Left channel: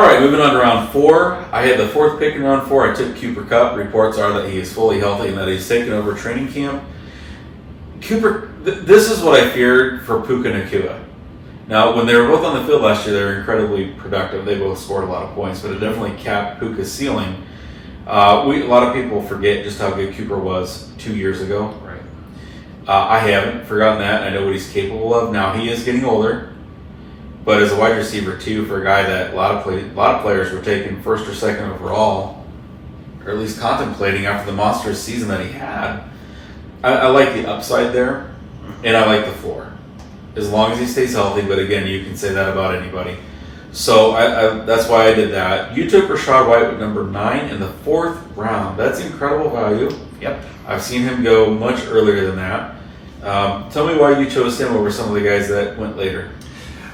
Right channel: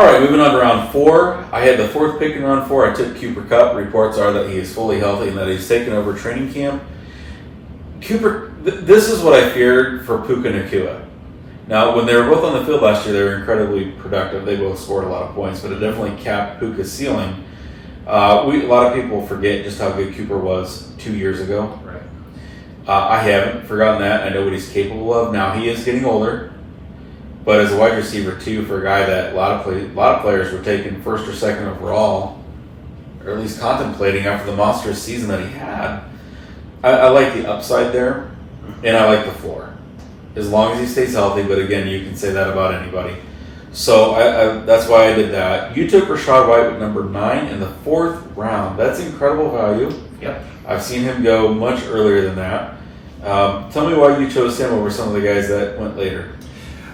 All right, moving on to round 4. I had the 4th pick in round 4. I took Cooper Kupp. Reports are that he is fully healthy and that he's taken over training camp. This is what I feared for Puka Nacua. Now, when they were both on the field last year, they were incredibly productive. They both scored a lot of points, but it definitely capped Puka's ceiling. A lot of people forget just how good Cooper was 2 years ago. Right. I haven't forgotten that. I know what he's capable of. Now, he is getting older, but as a wide receiver, too, for a guy that a lot of players were taking 1st or 2nd overall, or at least contemplating after the monstrous season that he had, I like the upside there, and I like the floor. As long as he stays healthy, but again, you can say that about anybody. So that's why I did that. You took Rachaad White with number 9 in the 4th round. That's incredible value. Yep. I've seen him go much earlier than that. Tell me why you chose him over some of the guys that went later.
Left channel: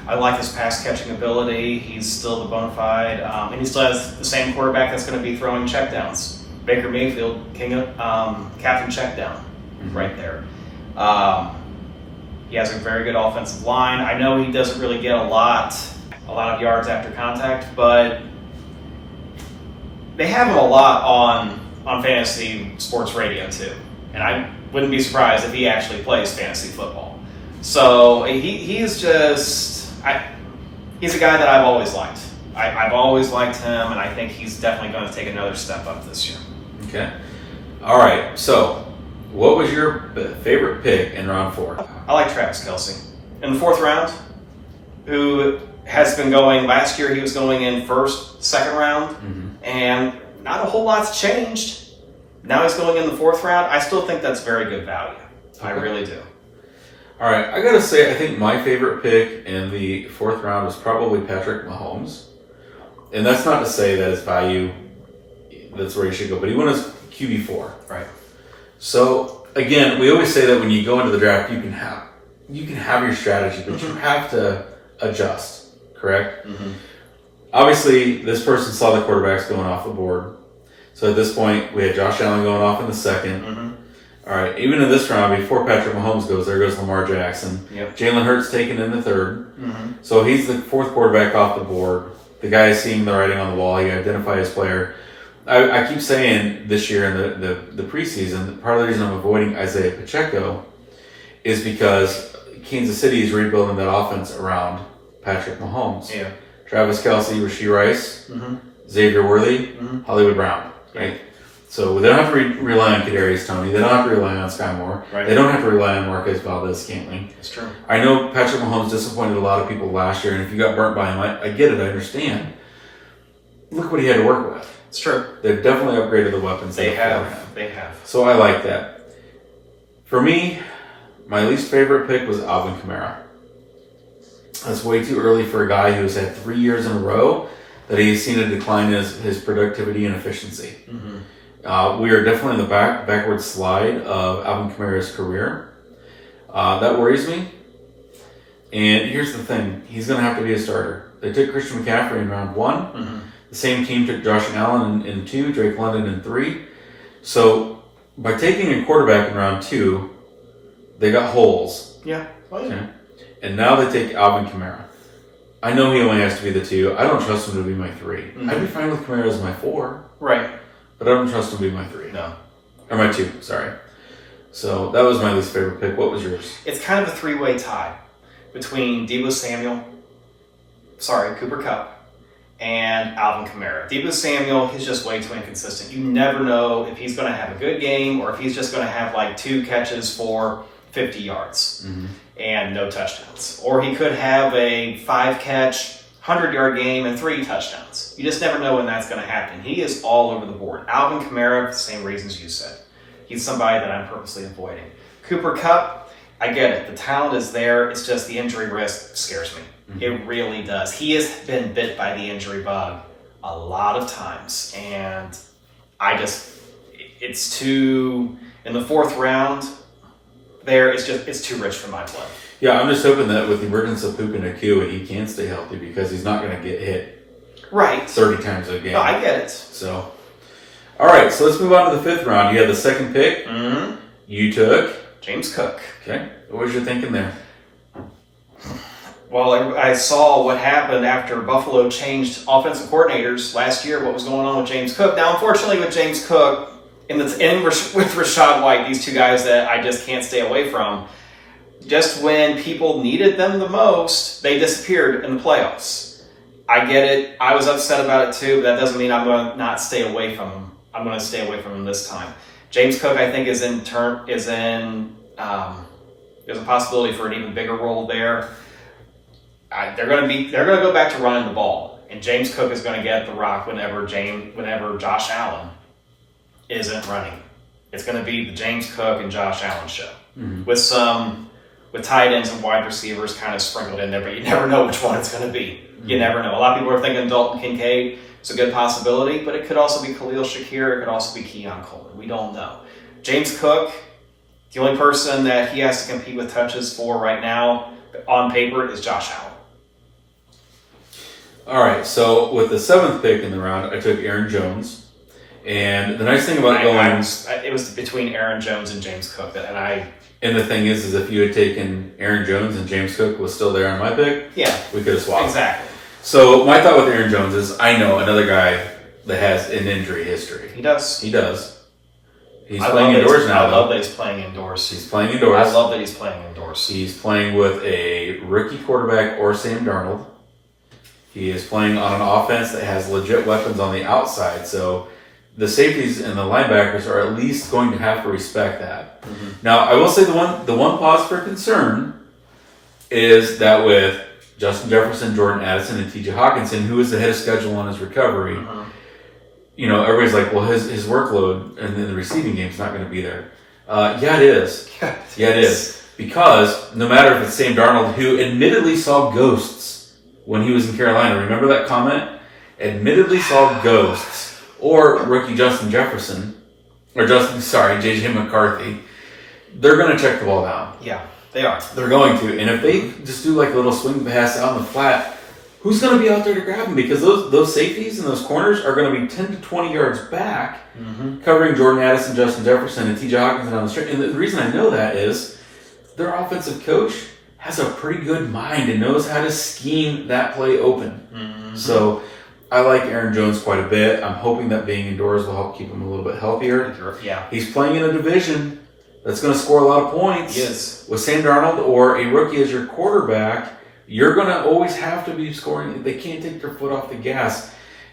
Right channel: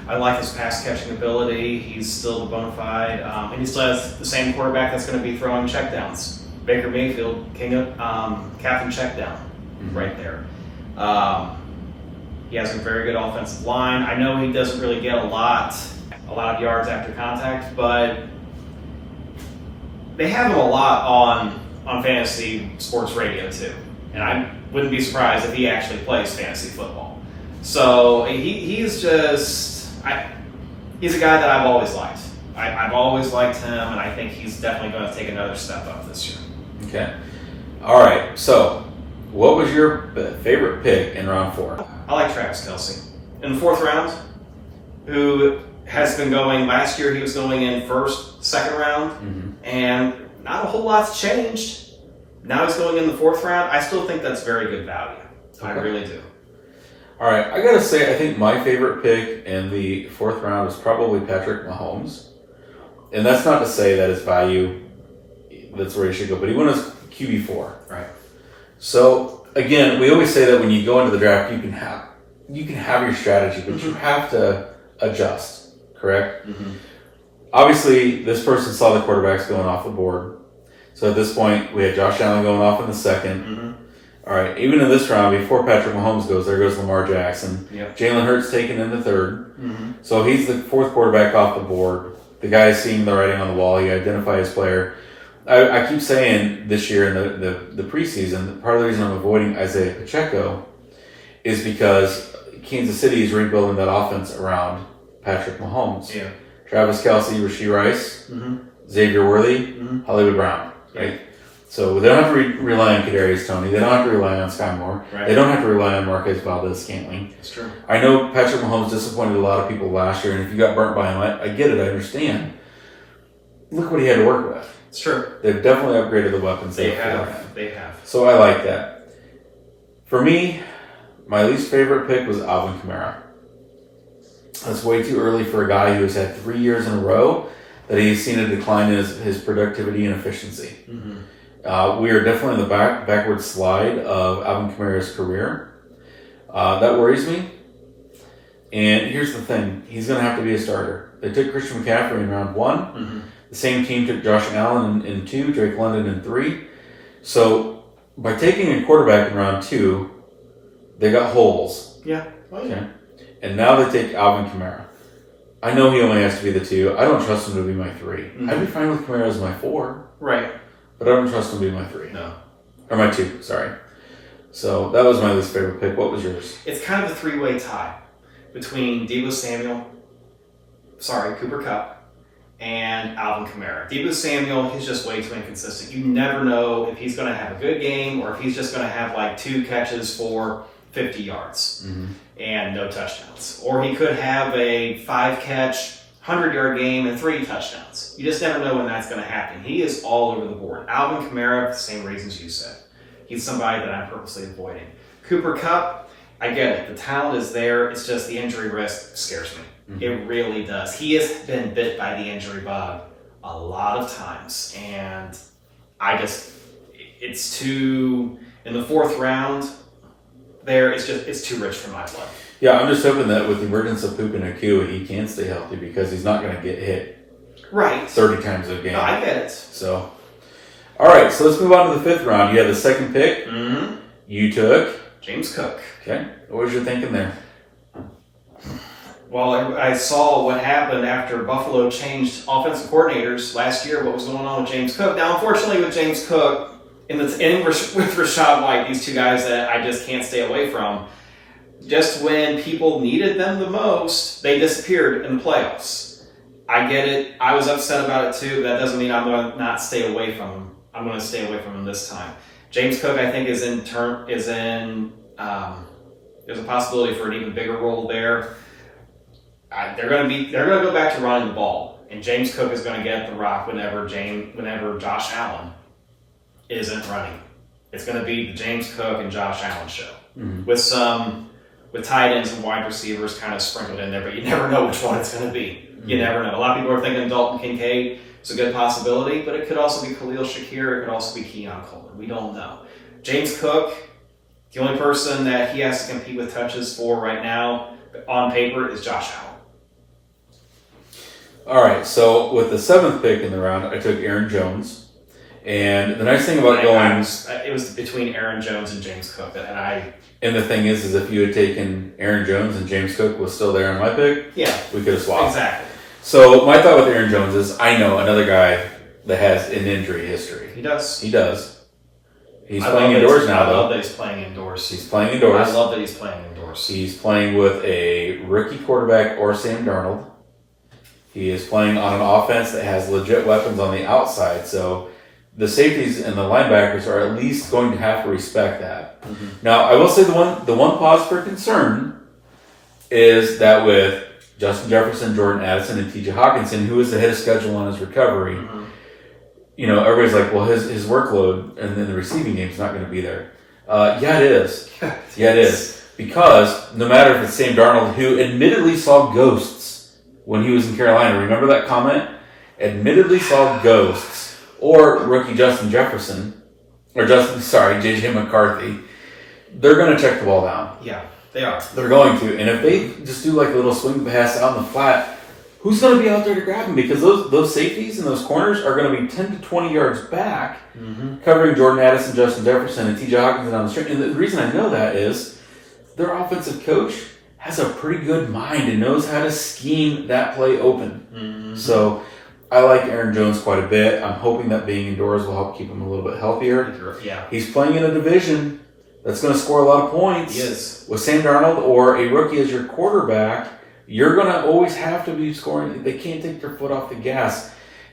I like his pass catching ability. He's still the bona fide, and he still has the same quarterback that's going to be throwing checkdowns. Baker Mayfield, captain checkdown, right there. He has a very good offensive line. I know he doesn't really get a lot of yards after contact, but they have him a lot on fantasy sports radio too. And I wouldn't be surprised if he actually plays fantasy football. So he is just, he's a guy that I've always liked. I've always liked him, and I think he's definitely going to take another step up this year. Okay. All right. So, what was your favorite pick in round 4? I like Travis Kelce. In the 4th round, who has been going, last year he was going in 1st, 2nd round, and not a whole lot's changed. Now he's going in the 4th round. I still think that's very good value. I really do. All right. I got to say, I think my favorite pick in the 4th round is probably Patrick Mahomes. And that's not to say that his value, that's where he should go, but he went as QB4. Right. So, again, we always say that when you go into the draft, you can have your strategy, but you have to adjust, correct? Obviously, this person saw the quarterbacks going off the board. So at this point, we had Josh Allen going off in the 2nd. All right, even in this round, before Patrick Mahomes goes, there goes Lamar Jackson. Yep. Jalen Hurts taken in the 3rd. So he's the 4th quarterback off the board. The guy is seeing the writing on the wall. He identifies his player. I keep saying this year in the preseason, part of the reason I'm avoiding Isaiah Pacheco is because Kansas City is rebuilding that offense around Patrick Mahomes. Yeah. Travis Kelce, Rashee Rice, Xavier Worthy, Hollywood Brown. Right. So they don't have to rely on Kadarius Toney. They don't have to rely on Sky Moore. Right. They don't have to rely on Marquez Valdez-Scantling. That's true. I know Patrick Mahomes disappointed a lot of people last year, and if you got burnt by him, I get it. I understand. Look what he had to work with. It's true. They've definitely upgraded the weapons. They have. So I like that. For me, my least favorite pick was Alvin Kamara. That's way too early for a guy who has had 3 years in a row that he's seen a decline in his productivity and efficiency. We are definitely in the backward slide of Alvin Kamara's career. That worries me. And here's the thing. He's going to have to be a starter. They took Christian McCaffrey in round 1. The same team took Josh Allen in 2, Drake London in 3. So by taking a quarterback in round 2, they got holes. Yeah. Okay. And now they take Alvin Kamara. I know he only has to be the 2. I don't trust him to be my 3. I'd be fine with Kamara as my 4. Right. But I don't trust him to be my 3. No. Or my 2, sorry. So that was my least favorite pick. What was yours? It's kind of a 3-way tie between Cooper Kupp, and Alvin Kamara. Deebo Samuel, he's just way too inconsistent. You never know if he's going to have a good game or if he's just going to have like 2 catches for 50 yards and no touchdowns. Or he could have a 5-catch, 100-yard game and 3 touchdowns. You just never know when that's going to happen. He is all over the board. Alvin Kamara, the same reasons you said. He's somebody that I'm purposely avoiding. Cooper Kupp, I get it. The talent is there. It's just the injury risk scares me. It really does. He has been bit by the injury bug a lot of times. And it's too, in the 4th round, it's too rich for my blood. Yeah, I'm just hoping that with the emergence of Puka Nacua, he can stay healthy because he's not going to get hit 30 times a game. No, I get it. So, all right, so let's move on to the 5th round. You have the 2nd pick. You took James Cook. Okay. What was your thinking there? Well, I saw what happened after Buffalo changed offensive coordinators last year, what was going on with James Cook. Now, unfortunately, with James Cook and with Rachaad White, these two guys that I just can't stay away from, just when people needed them the most, they disappeared in the playoffs. I get it. I was upset about it too, but that doesn't mean I'm going to not stay away from them. I'm going to stay away from them this time. James Cook, I think, there's a possibility for an even bigger role there. They're going to go back to running the ball, and James Cook is going to get the rock whenever Josh Allen isn't running. It's going to be the James Cook and Josh Allen show with tight ends and wide receivers kind of sprinkled in there, but you never know which one it's going to be. You never know. A lot of people are thinking Dalton Kincaid is a good possibility, but it could also be Khalil Shakir. It could also be Keon Coleman. We don't know. James Cook, the only person that he has to compete with touches for right now on paper is Josh Allen. All right, so with the 7th pick in the round, I took Aaron Jones. And the nice thing about it was between Aaron Jones and James Cook, and the thing is if you had taken Aaron Jones and James Cook was still there on my pick, we could have swapped. Exactly. So my thought with Aaron Jones is I know another guy that has an injury history. He does. He's playing indoors now. I love that he's playing indoors. He's playing indoors. I love that he's playing indoors. He's playing with a rookie quarterback or Sam Darnold. He is playing on an offense that has legit weapons on the outside. So the safeties and the linebackers are at least going to have to respect that. Mm-hmm. Now, I will say the one pause for concern is that with Justin Jefferson, Jordan Addison, and T.J. Hawkinson, who is ahead of schedule on his recovery, everybody's like, well, his workload and then the receiving game is not going to be there. Yeah, it is. Yeah, it is. Because no matter if it's Sam Darnold, who admittedly saw ghosts when he was in Carolina, remember that comment? Admittedly saw ghosts. Or rookie Justin Jefferson, J.J. McCarthy, they're going to check the ball down. Yeah, they are. They're going to. And if they just do like a little swing pass out on the flat, who's going to be out there to grab him? Because those safeties and those corners are going to be 10 to 20 yards back, covering Jordan Addison, Justin Jefferson, and T.J. Hawkinson on the string. And the reason I know that is their offensive coach has a pretty good mind and knows how to scheme that play open. Mm-hmm. So I like Aaron Jones quite a bit. I'm hoping that being indoors will help keep him a little bit healthier. Yeah. He's playing in a division that's going to score a lot of points. Yes. With Sam Darnold or a rookie as your quarterback, you're going to always have to be scoring. They can't take their foot off the gas.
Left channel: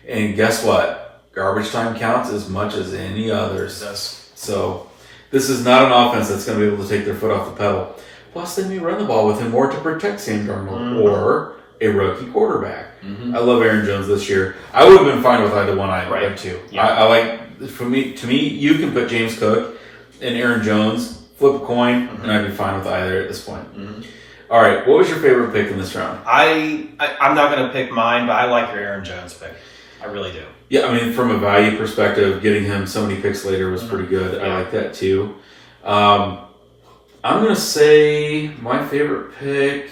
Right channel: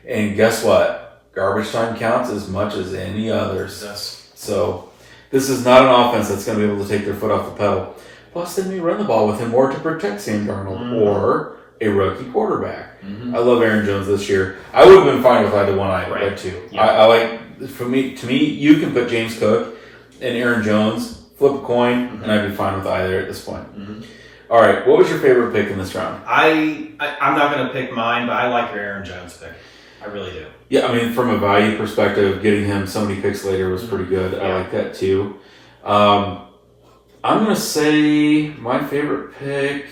And guess what? Garbage time counts as much as any others. Yes. So this is not an offense that's going to be able to take their foot off the pedal. Plus, they may run the ball with him more to protect Sam Darnold or a rookie quarterback. Mm-hmm. I love Aaron Jones this year. I would have been fine with either one I read too. Yeah. I like, to me, you can put James Cook and Aaron Jones, flip a coin, and I'd be fine with either at this point. Mm-hmm. All right, what was your favorite pick in this round? I'm not going to pick mine, but I like your Aaron Jones pick. I really do. Yeah, I mean, from a value perspective, getting him so many picks later was pretty good. Yeah. I like that too. I'm going to say my favorite pick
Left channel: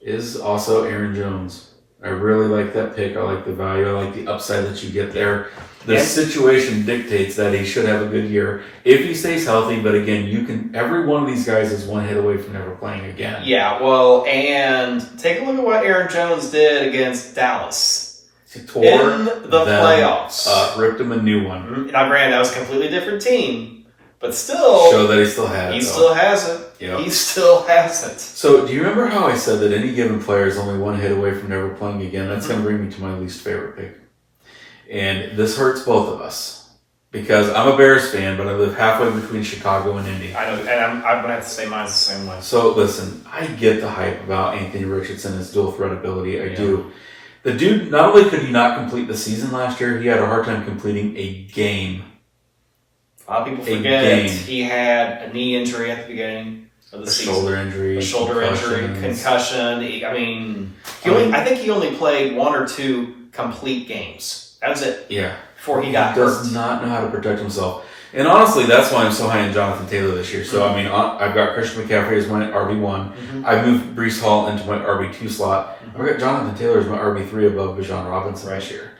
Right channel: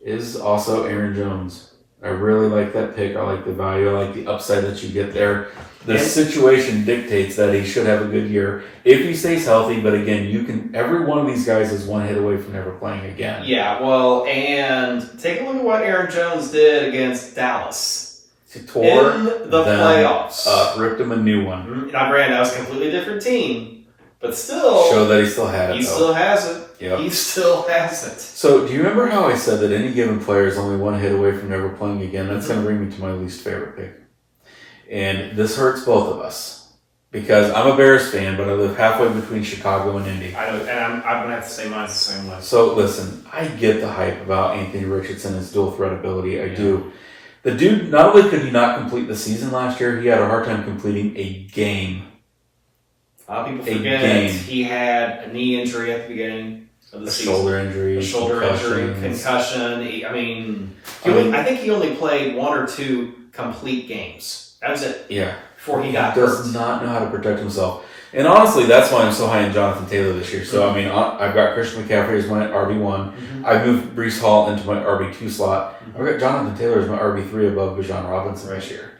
is also Aaron Jones. I really like that pick. I like the value. I like the upside that you get there. The situation dictates that he should have a good year if he stays healthy. But again, every one of these guys is one hit away from never playing again. Yeah, well, and take a look at what Aaron Jones did against Dallas. He tore in the playoffs. Ripped him a new one. Now, granted, that was a completely different team. But still... Show that he still has it. He still has it. Yep. He still has it. So, do you remember how I said that any given player is only one hit away from never playing again? That's going to bring me to my least favorite pick. And this hurts both of us. Because I'm a Bears fan, but I live halfway between Chicago and Indy. I know, and I'm going to have to say mine's the same way. So, listen, I get the hype about Anthony Richardson, his dual threat ability. I do. The dude, not only could he not complete the season last year, he had a hard time completing a game. A lot of people forget he had a knee injury at the beginning of the season. A shoulder injury, concussion. I think he only played 1 or 2 complete games. That was it. Yeah. Before he got hurt. He does not know how to protect himself. And honestly, that's why I'm so high on Jonathan Taylor this year. So, I mean, I've got Christian McCaffrey as my RB1. Mm-hmm. I've moved Breece Hall into my RB2 slot. Mm-hmm. I've got Jonathan Taylor as my RB3 above Bijan Robinson this year.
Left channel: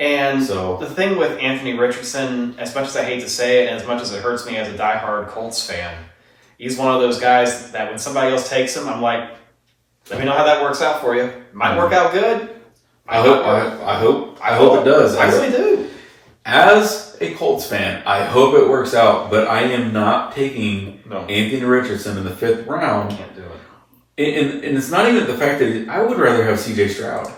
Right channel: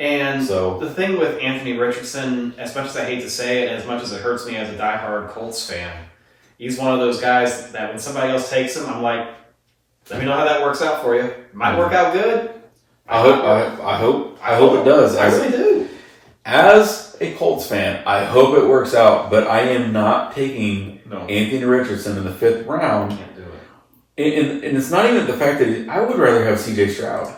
And the thing with Anthony Richardson, as much as I hate to say it, and as much as it hurts me as a diehard Colts fan, he's one of those guys that when somebody else takes him, I'm like, Let me know how that works out for you. It might work out good. I hope it does. I really do. As a Colts fan, I hope it works out, but I am not taking Anthony Richardson in the 5th round. Can't do it. And it's not even the fact that I would rather have C.J. Stroud.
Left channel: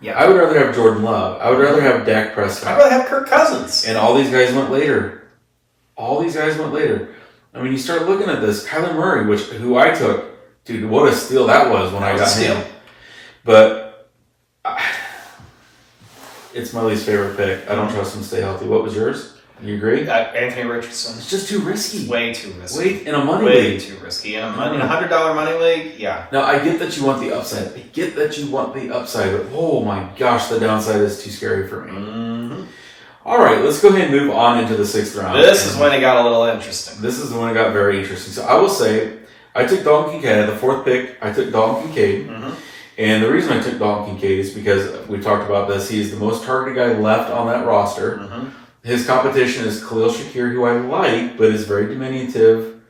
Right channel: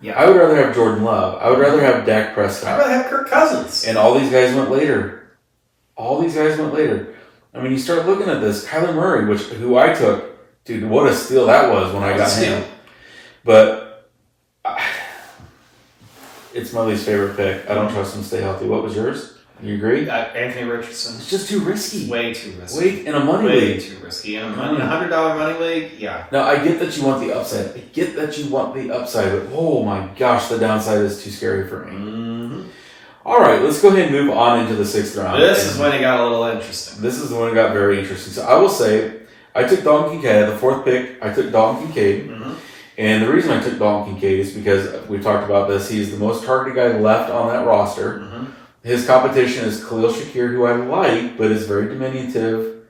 Yeah. I would rather have Jordan Love. I would rather have Dak Prescott. I'd rather have Kirk Cousins. And all these guys went later. I mean, you start looking at this. Kyler Murray, who I took, dude, what a steal that was when I got him. But it's my least favorite pick. I don't trust him to stay healthy. What was yours? You agree? Anthony Richardson. It's just too risky. Way too risky. Wait, in a money Way league. too risky. In a $100 money league, yeah. Now, I get that you want the upside. But oh my gosh, the downside is too scary for me. Mm-hmm. All right, let's go ahead and move on into the 6th round. This is when it got a little interesting. This is when it got very interesting. So I will say, I took Dalton Kincaid at the 4th pick. I took Dalton Kincaid. Mm-hmm. And the reason I took Dalton Kincaid is because we talked about this. He is the most targeted guy left on that roster. Mm-hmm. His competition is Khalil Shakir, who I like, but is very diminutive,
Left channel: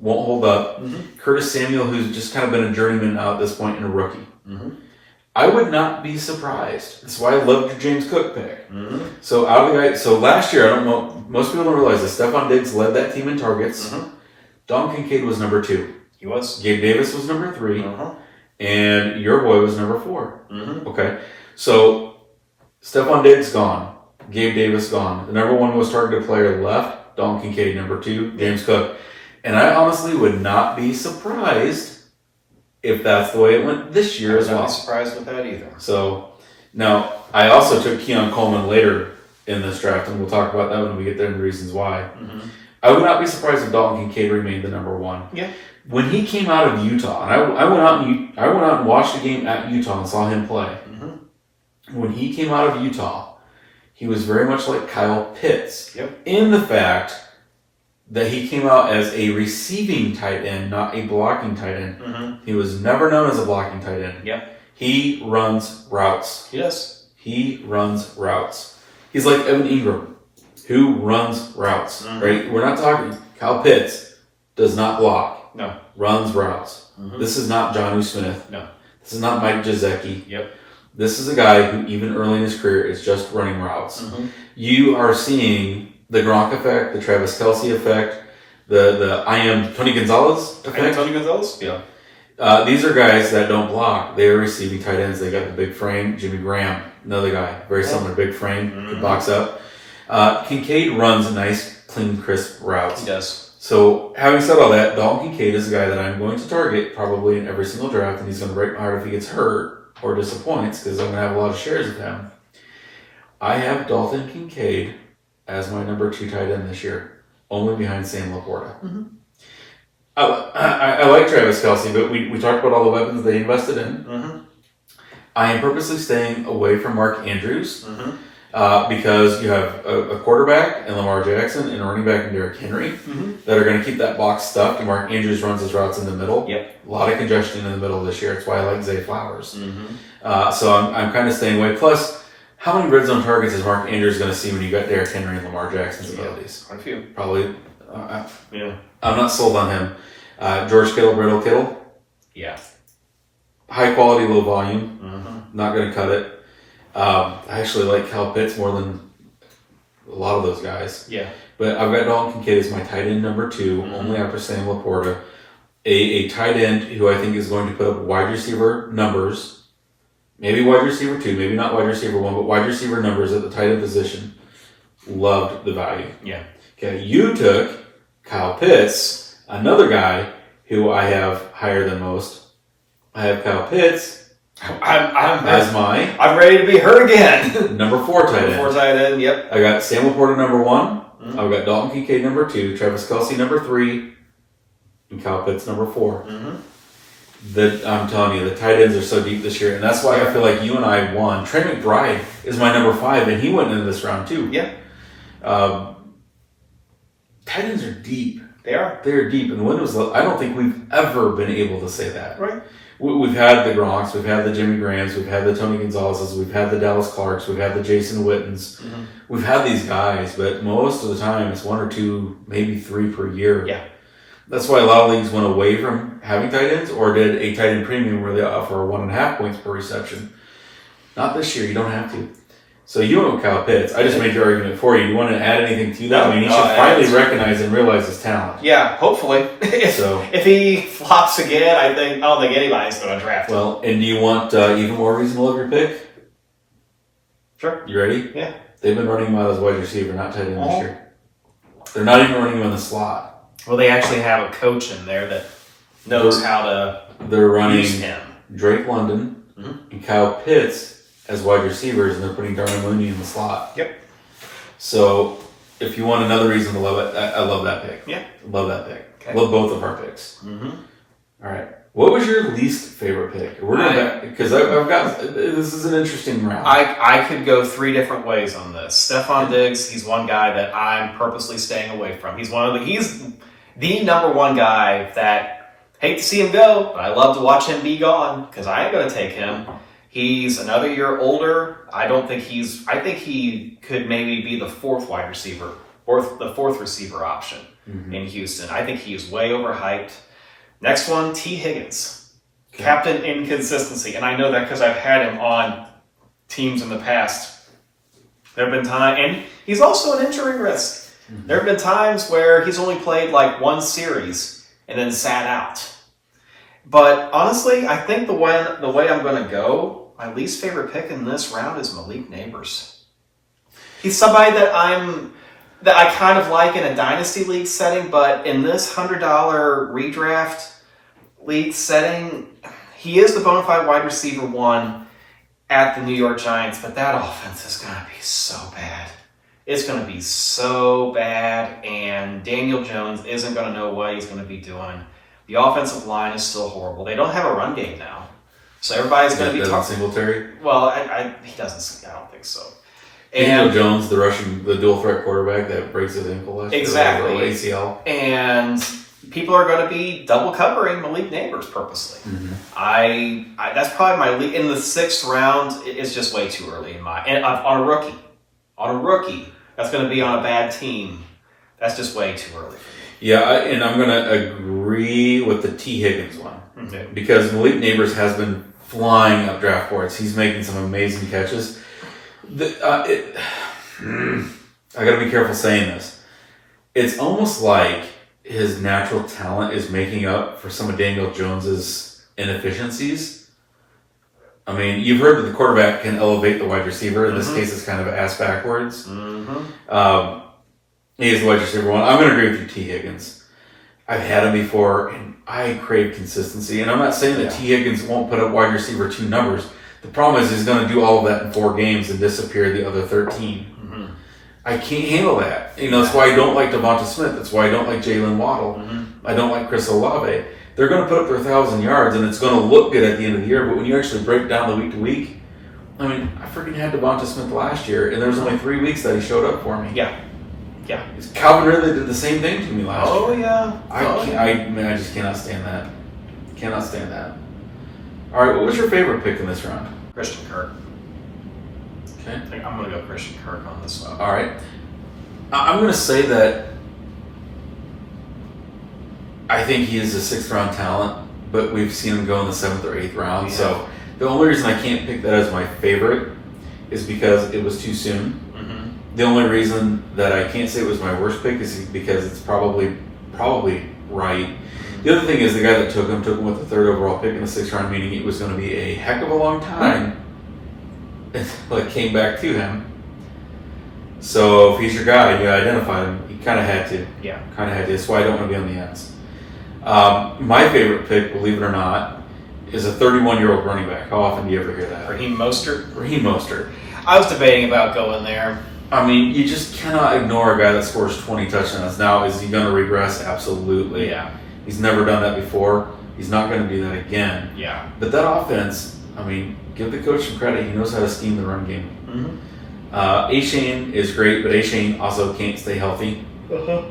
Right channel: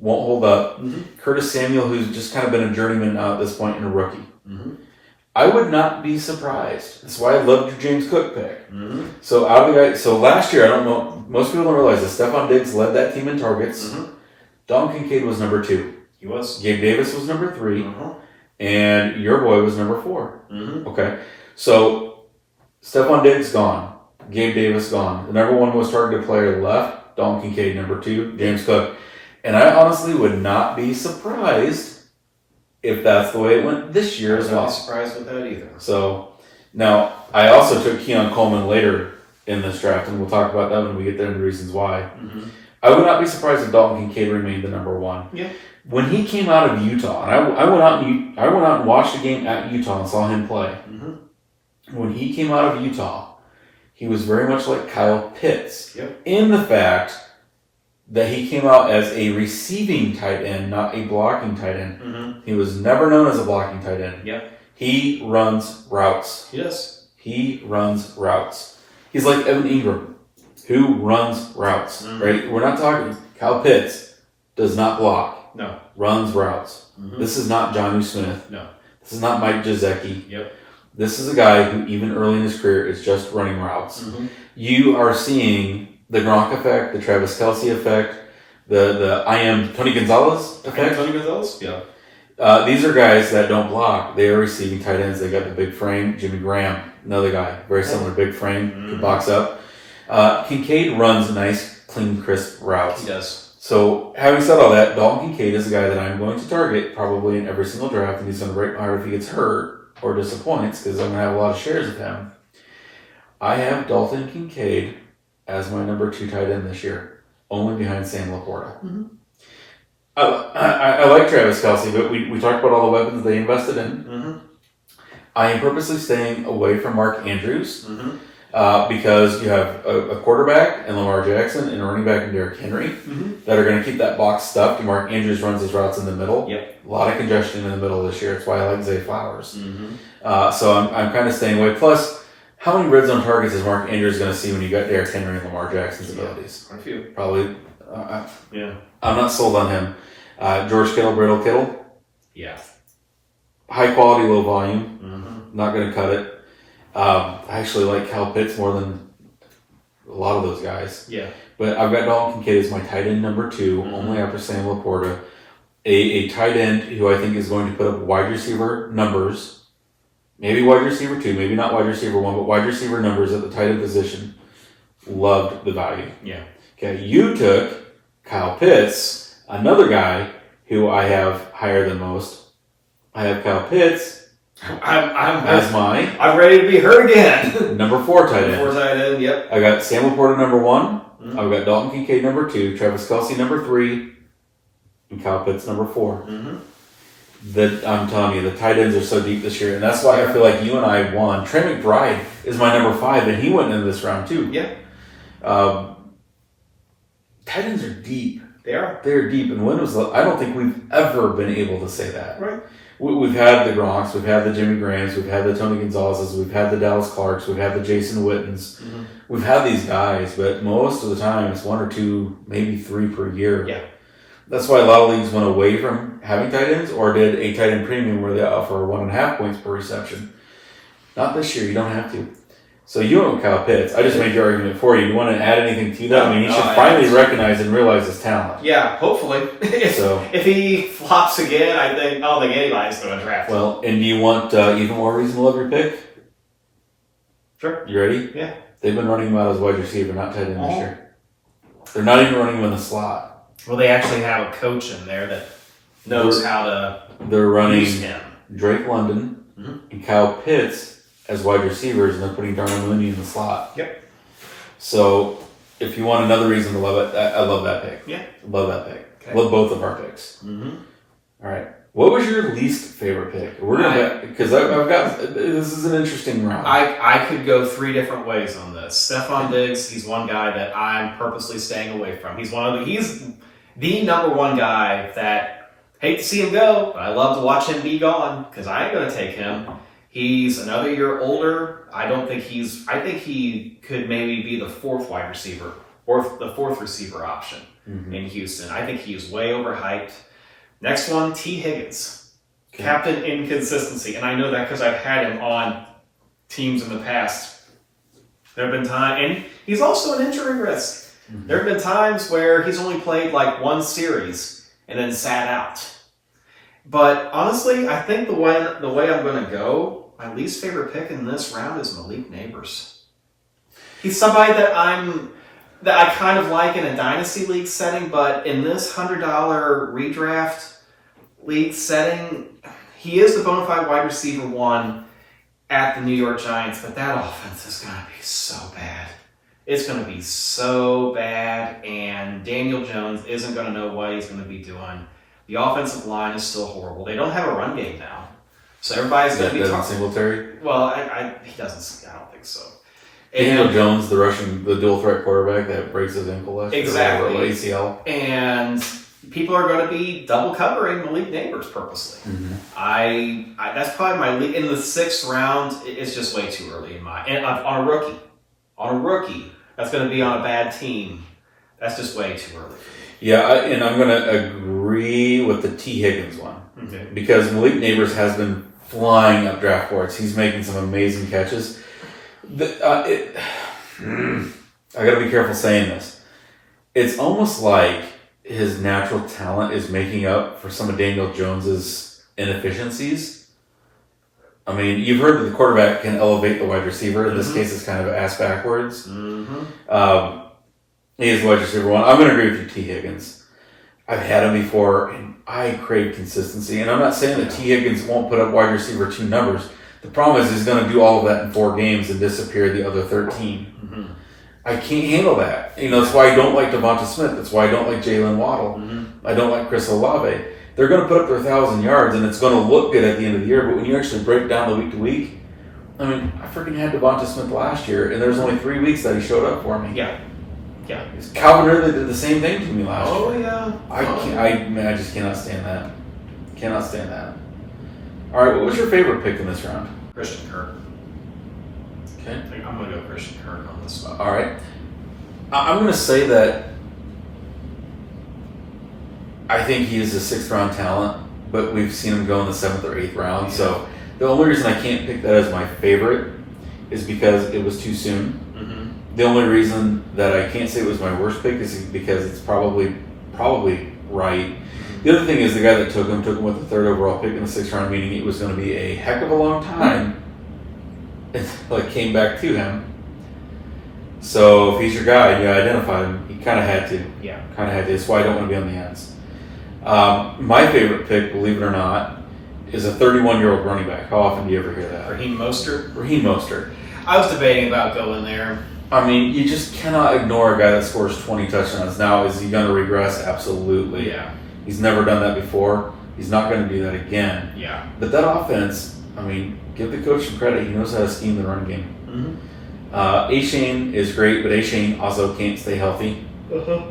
won't hold up. Mm-hmm. Curtis Samuel, who's just kind of been a journeyman at this point and a rookie. Mm-hmm. I would not be surprised. That's why I loved your James Cook pick. Mm-hmm. So out of the guy, so last year, I don't know, most people don't realize this. Stephon Diggs led that team in targets. Mm-hmm. Dalton Kincaid was number 2. He was. Gabe Davis was number 3. Uh-huh. And your boy was number 4. Mm-hmm. Okay. So Stephon Diggs gone. Gabe Davis gone. The number 1 most targeted player left. Dalton Kincaid, number 2. James Cook. And I honestly would not be surprised if that's the way it went this year as well. I would not be surprised with that either. So, now, I also took Keon Coleman later in this draft, and we'll talk about that when we get there and the reasons why. Mm-hmm. I would not be surprised if Dalton Kincaid remained the number 1. Yeah. When he came out of Utah, and I went out and watched the game at Utah and saw him play. Mm-hmm. When he came out of Utah, he was very much like Kyle Pitts. Yep. In the fact that he came out as a receiving tight end, not a blocking tight end. Mm-hmm. He was never known as a blocking tight end. Yep. He runs routes. He does. He runs routes. He's like Evan Ingram, who runs routes, right? We're not talking, Kyle Pitts does not block. No. Runs routes. Mm-hmm. This is not Jonnu Smith. No. This is not Mike Gesicki. Yep. This is a guy who, even early in his career, is just running routes. Mm-hmm. You are seeing the Gronk effect, the Travis Kelce effect, the I am Tony Gonzalez effect. Tony Gonzalez? Yeah. These are guys that don't block. They are receiving tight ends. They got the big frame. Jimmy Graham, another guy, very similar, big frame, could box up. Kincaid runs nice, clean, crisp routes. He does. So, having said all that, Dalton Kincaid is a guy that I'm going to target probably in every single draft, and he's going to break my heart if he gets hurt or disappoints, because I'm going to have a lot of shares of him. I have Dalton Kincaid as my number 2 tight end this year, only behind Sam Laporta. Mm-hmm. I like Travis Kelce, but we talked about all the weapons they invested in. Mm-hmm. I am purposely staying away from Mark Andrews Mm-hmm. Because you have a quarterback and Lamar Jackson and a running back and Derrick Henry that are going to keep that box stuffed. And Mark Andrews runs his routes in the middle. Yep. A lot of congestion in the middle this year. That's why I like Zay Flowers. Mm-hmm. So I'm kind of staying away. Plus, how many red zone targets is Mark Andrews going to see when you got Derrick Henry and Lamar Jackson's abilities? Quite a few. Probably. Yeah. I'm not sold on him. George Kittle, Brittle Kittle. Yeah. High quality, low volume. Mm-hmm. Not going to cut it. I actually like Kyle Pitts more than a lot of those guys. Yeah. But I've got Dalton Kincaid as my tight end number 2, only after Sam Laporta. A tight end who I think is going to put up wide receiver numbers. Maybe wide receiver 2, maybe not wide receiver 1, but wide receiver numbers at the tight end position. Loved the value. Yeah. Okay, you took Kyle Pitts, another guy who I have higher than most. I have Kyle Pitts I'm ready to be hurt again. number 4 tight end. Number 4 tight end, yep. I got Sam Laporta number 1. I've got Dalton Kincaid number 2, Travis Kelce number 3, and Kyle Pitts number 4. I'm telling you, the tight ends are so deep this year, and that's why I feel like you and I won. Trey McBride is my number 5, and he went into this round too. Yeah. Tight ends are deep. They are. They're deep, and I don't think we've ever been able to say that. Right. We've had the Gronks, we've had the Jimmy Grahams, we've had the Tony Gonzalez's, we've had the Dallas Clarks, we've had the Jason Wittens. We've had these guys, but most of the time it's 1 or 2, maybe 3 per year. Yeah. That's why a lot of leagues went away from having tight ends or did a tight end premium where they offer 1.5 points per reception. Not this year. You don't have to. So you went with Kyle Pitts. I just made your argument for you. You want to add anything to that? I mean, he should finally recognize and realize his talent. Yeah, hopefully. If he flops again, I don't think anybody's going to draft him. Well, and do you want even more reason to love your pick? Sure. You ready? Yeah. They've been running him out as wide receiver, not tight end this year. They're not even running him in the slot. Well, they actually have a coach in there that knows how to They're running use him. Drake London and Kyle Pitts as wide receivers, and they're putting Darnell Mooney in the slot. Yep. So, if you want another reason to love it, I love that pick. Yeah. Love that pick. Okay. Love both of our picks. Mm-hmm. All right. What was your least favorite pick? We're gonna because I've got this is an interesting round. I could go 3 different ways on this. Stephon Diggs, he's one guy that I'm purposely staying away from. He's the number one guy that hate to see him go, but I love to watch him be gone because I ain't gonna take him. He's another year older. I think he could maybe be the 4th wide receiver or the 4th receiver option in Houston. I think he is way overhyped. Next one, T. Higgins. Okay. Captain Inconsistency. And I know that because I've had him on teams in the past. There have been times, and he's also an injury risk. There have been times where he's only played like 1 series and then sat out. But honestly, I think the way I'm going to go, my least favorite pick in this round is Malik Neighbors. He's somebody that I kind of like in a dynasty league setting, but in this $100 redraft league setting, he is the bona fide wide receiver 1 at the New York Giants, but that offense is going to be so bad. It's going to be so bad, and Daniel Jones isn't going to know what he's going to be doing. The offensive line is still horrible. They don't have a run game now. So everybody's going to be talking. Singletary? Well, he doesn't. I don't think so. Daniel Jones, the dual threat quarterback that breaks his ankle last year. Exactly. Or ACL. And people are going to be double covering Malik Neighbors purposely. I that's probably my lead. In the 6th round, it's just way too early on a rookie. On a rookie that's going to be on a bad team. That's just way too early. Yeah, and I'm going to agree with the T. Higgins one. Okay. Because Malik Neighbors has been flying up draft boards. He's making some amazing catches. I got to be careful saying this. It's almost like his natural talent is making up for some of Daniel Jones's inefficiencies. I mean, you've heard that the quarterback can elevate the wide receiver. In this case, it's kind of ass backwards. He is the wide receiver 1. I'm going to agree with you, T. Higgins. I've had him before, and I crave consistency. And I'm not saying that T. Higgins won't put up wide receiver 2 numbers. The problem is he's going to do all of that in 4 games and disappear the other 13. I can't handle that. That's why I don't like Devonta Smith. That's why I don't like Jalen Waddle. I don't like Chris Olave. They're going to put up their 1,000 yards, and it's going to look good at the end of the year. But when you actually break down the week to week, I mean, I freaking had Devonta Smith last year, and there was only 3 weeks that he showed up for me. Yeah. Calvin Ridley did the same thing to me last year. Oh, yeah. I just cannot stand that. Cannot stand that. All right, what was your favorite pick in this round? Christian Kirk. Okay. I think I'm going to go Christian Kirk on this one. All right. I'm going to say that I think he is a 6th round talent, but we've seen him go in the 7th or 8th round. Yeah. So the only reason I can't pick that as my favorite is because it was too soon. The only reason that I can't say it was my worst pick is because it's probably right. The other thing is the guy that took him with the 3rd overall pick in the 6th round, meaning it was going to be a heck of a long time until it came back to him. So if he's your guy, you identify him, you kind of had to. Yeah. Kind of had to. That's why I don't want to be on the ends. My favorite pick, believe it or not, is a 31-year-old running back. How often do you ever hear that? Raheem Mostert. I was debating about going there. I mean, you just cannot ignore a guy that scores 20 touchdowns. Now, is he going to regress? Absolutely. Yeah. He's never done that before. He's not going to do that again. Yeah. But that offense, I mean, give the coach some credit. He knows how to scheme the run game. Achane is great, but Achane also can't stay healthy.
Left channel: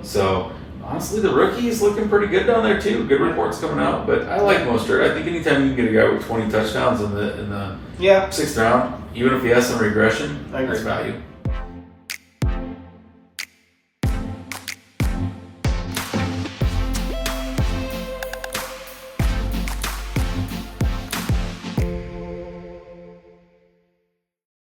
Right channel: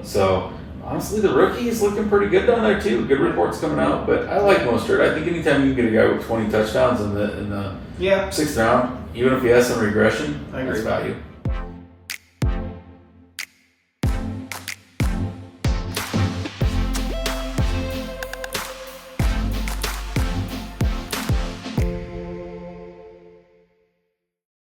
So, honestly, the rookie is looking pretty good down there, too. Good reports coming out. But I like Mostert. I think anytime you can get a guy with 20 touchdowns in the 6th round, even if he has some regression, I agree. that's value.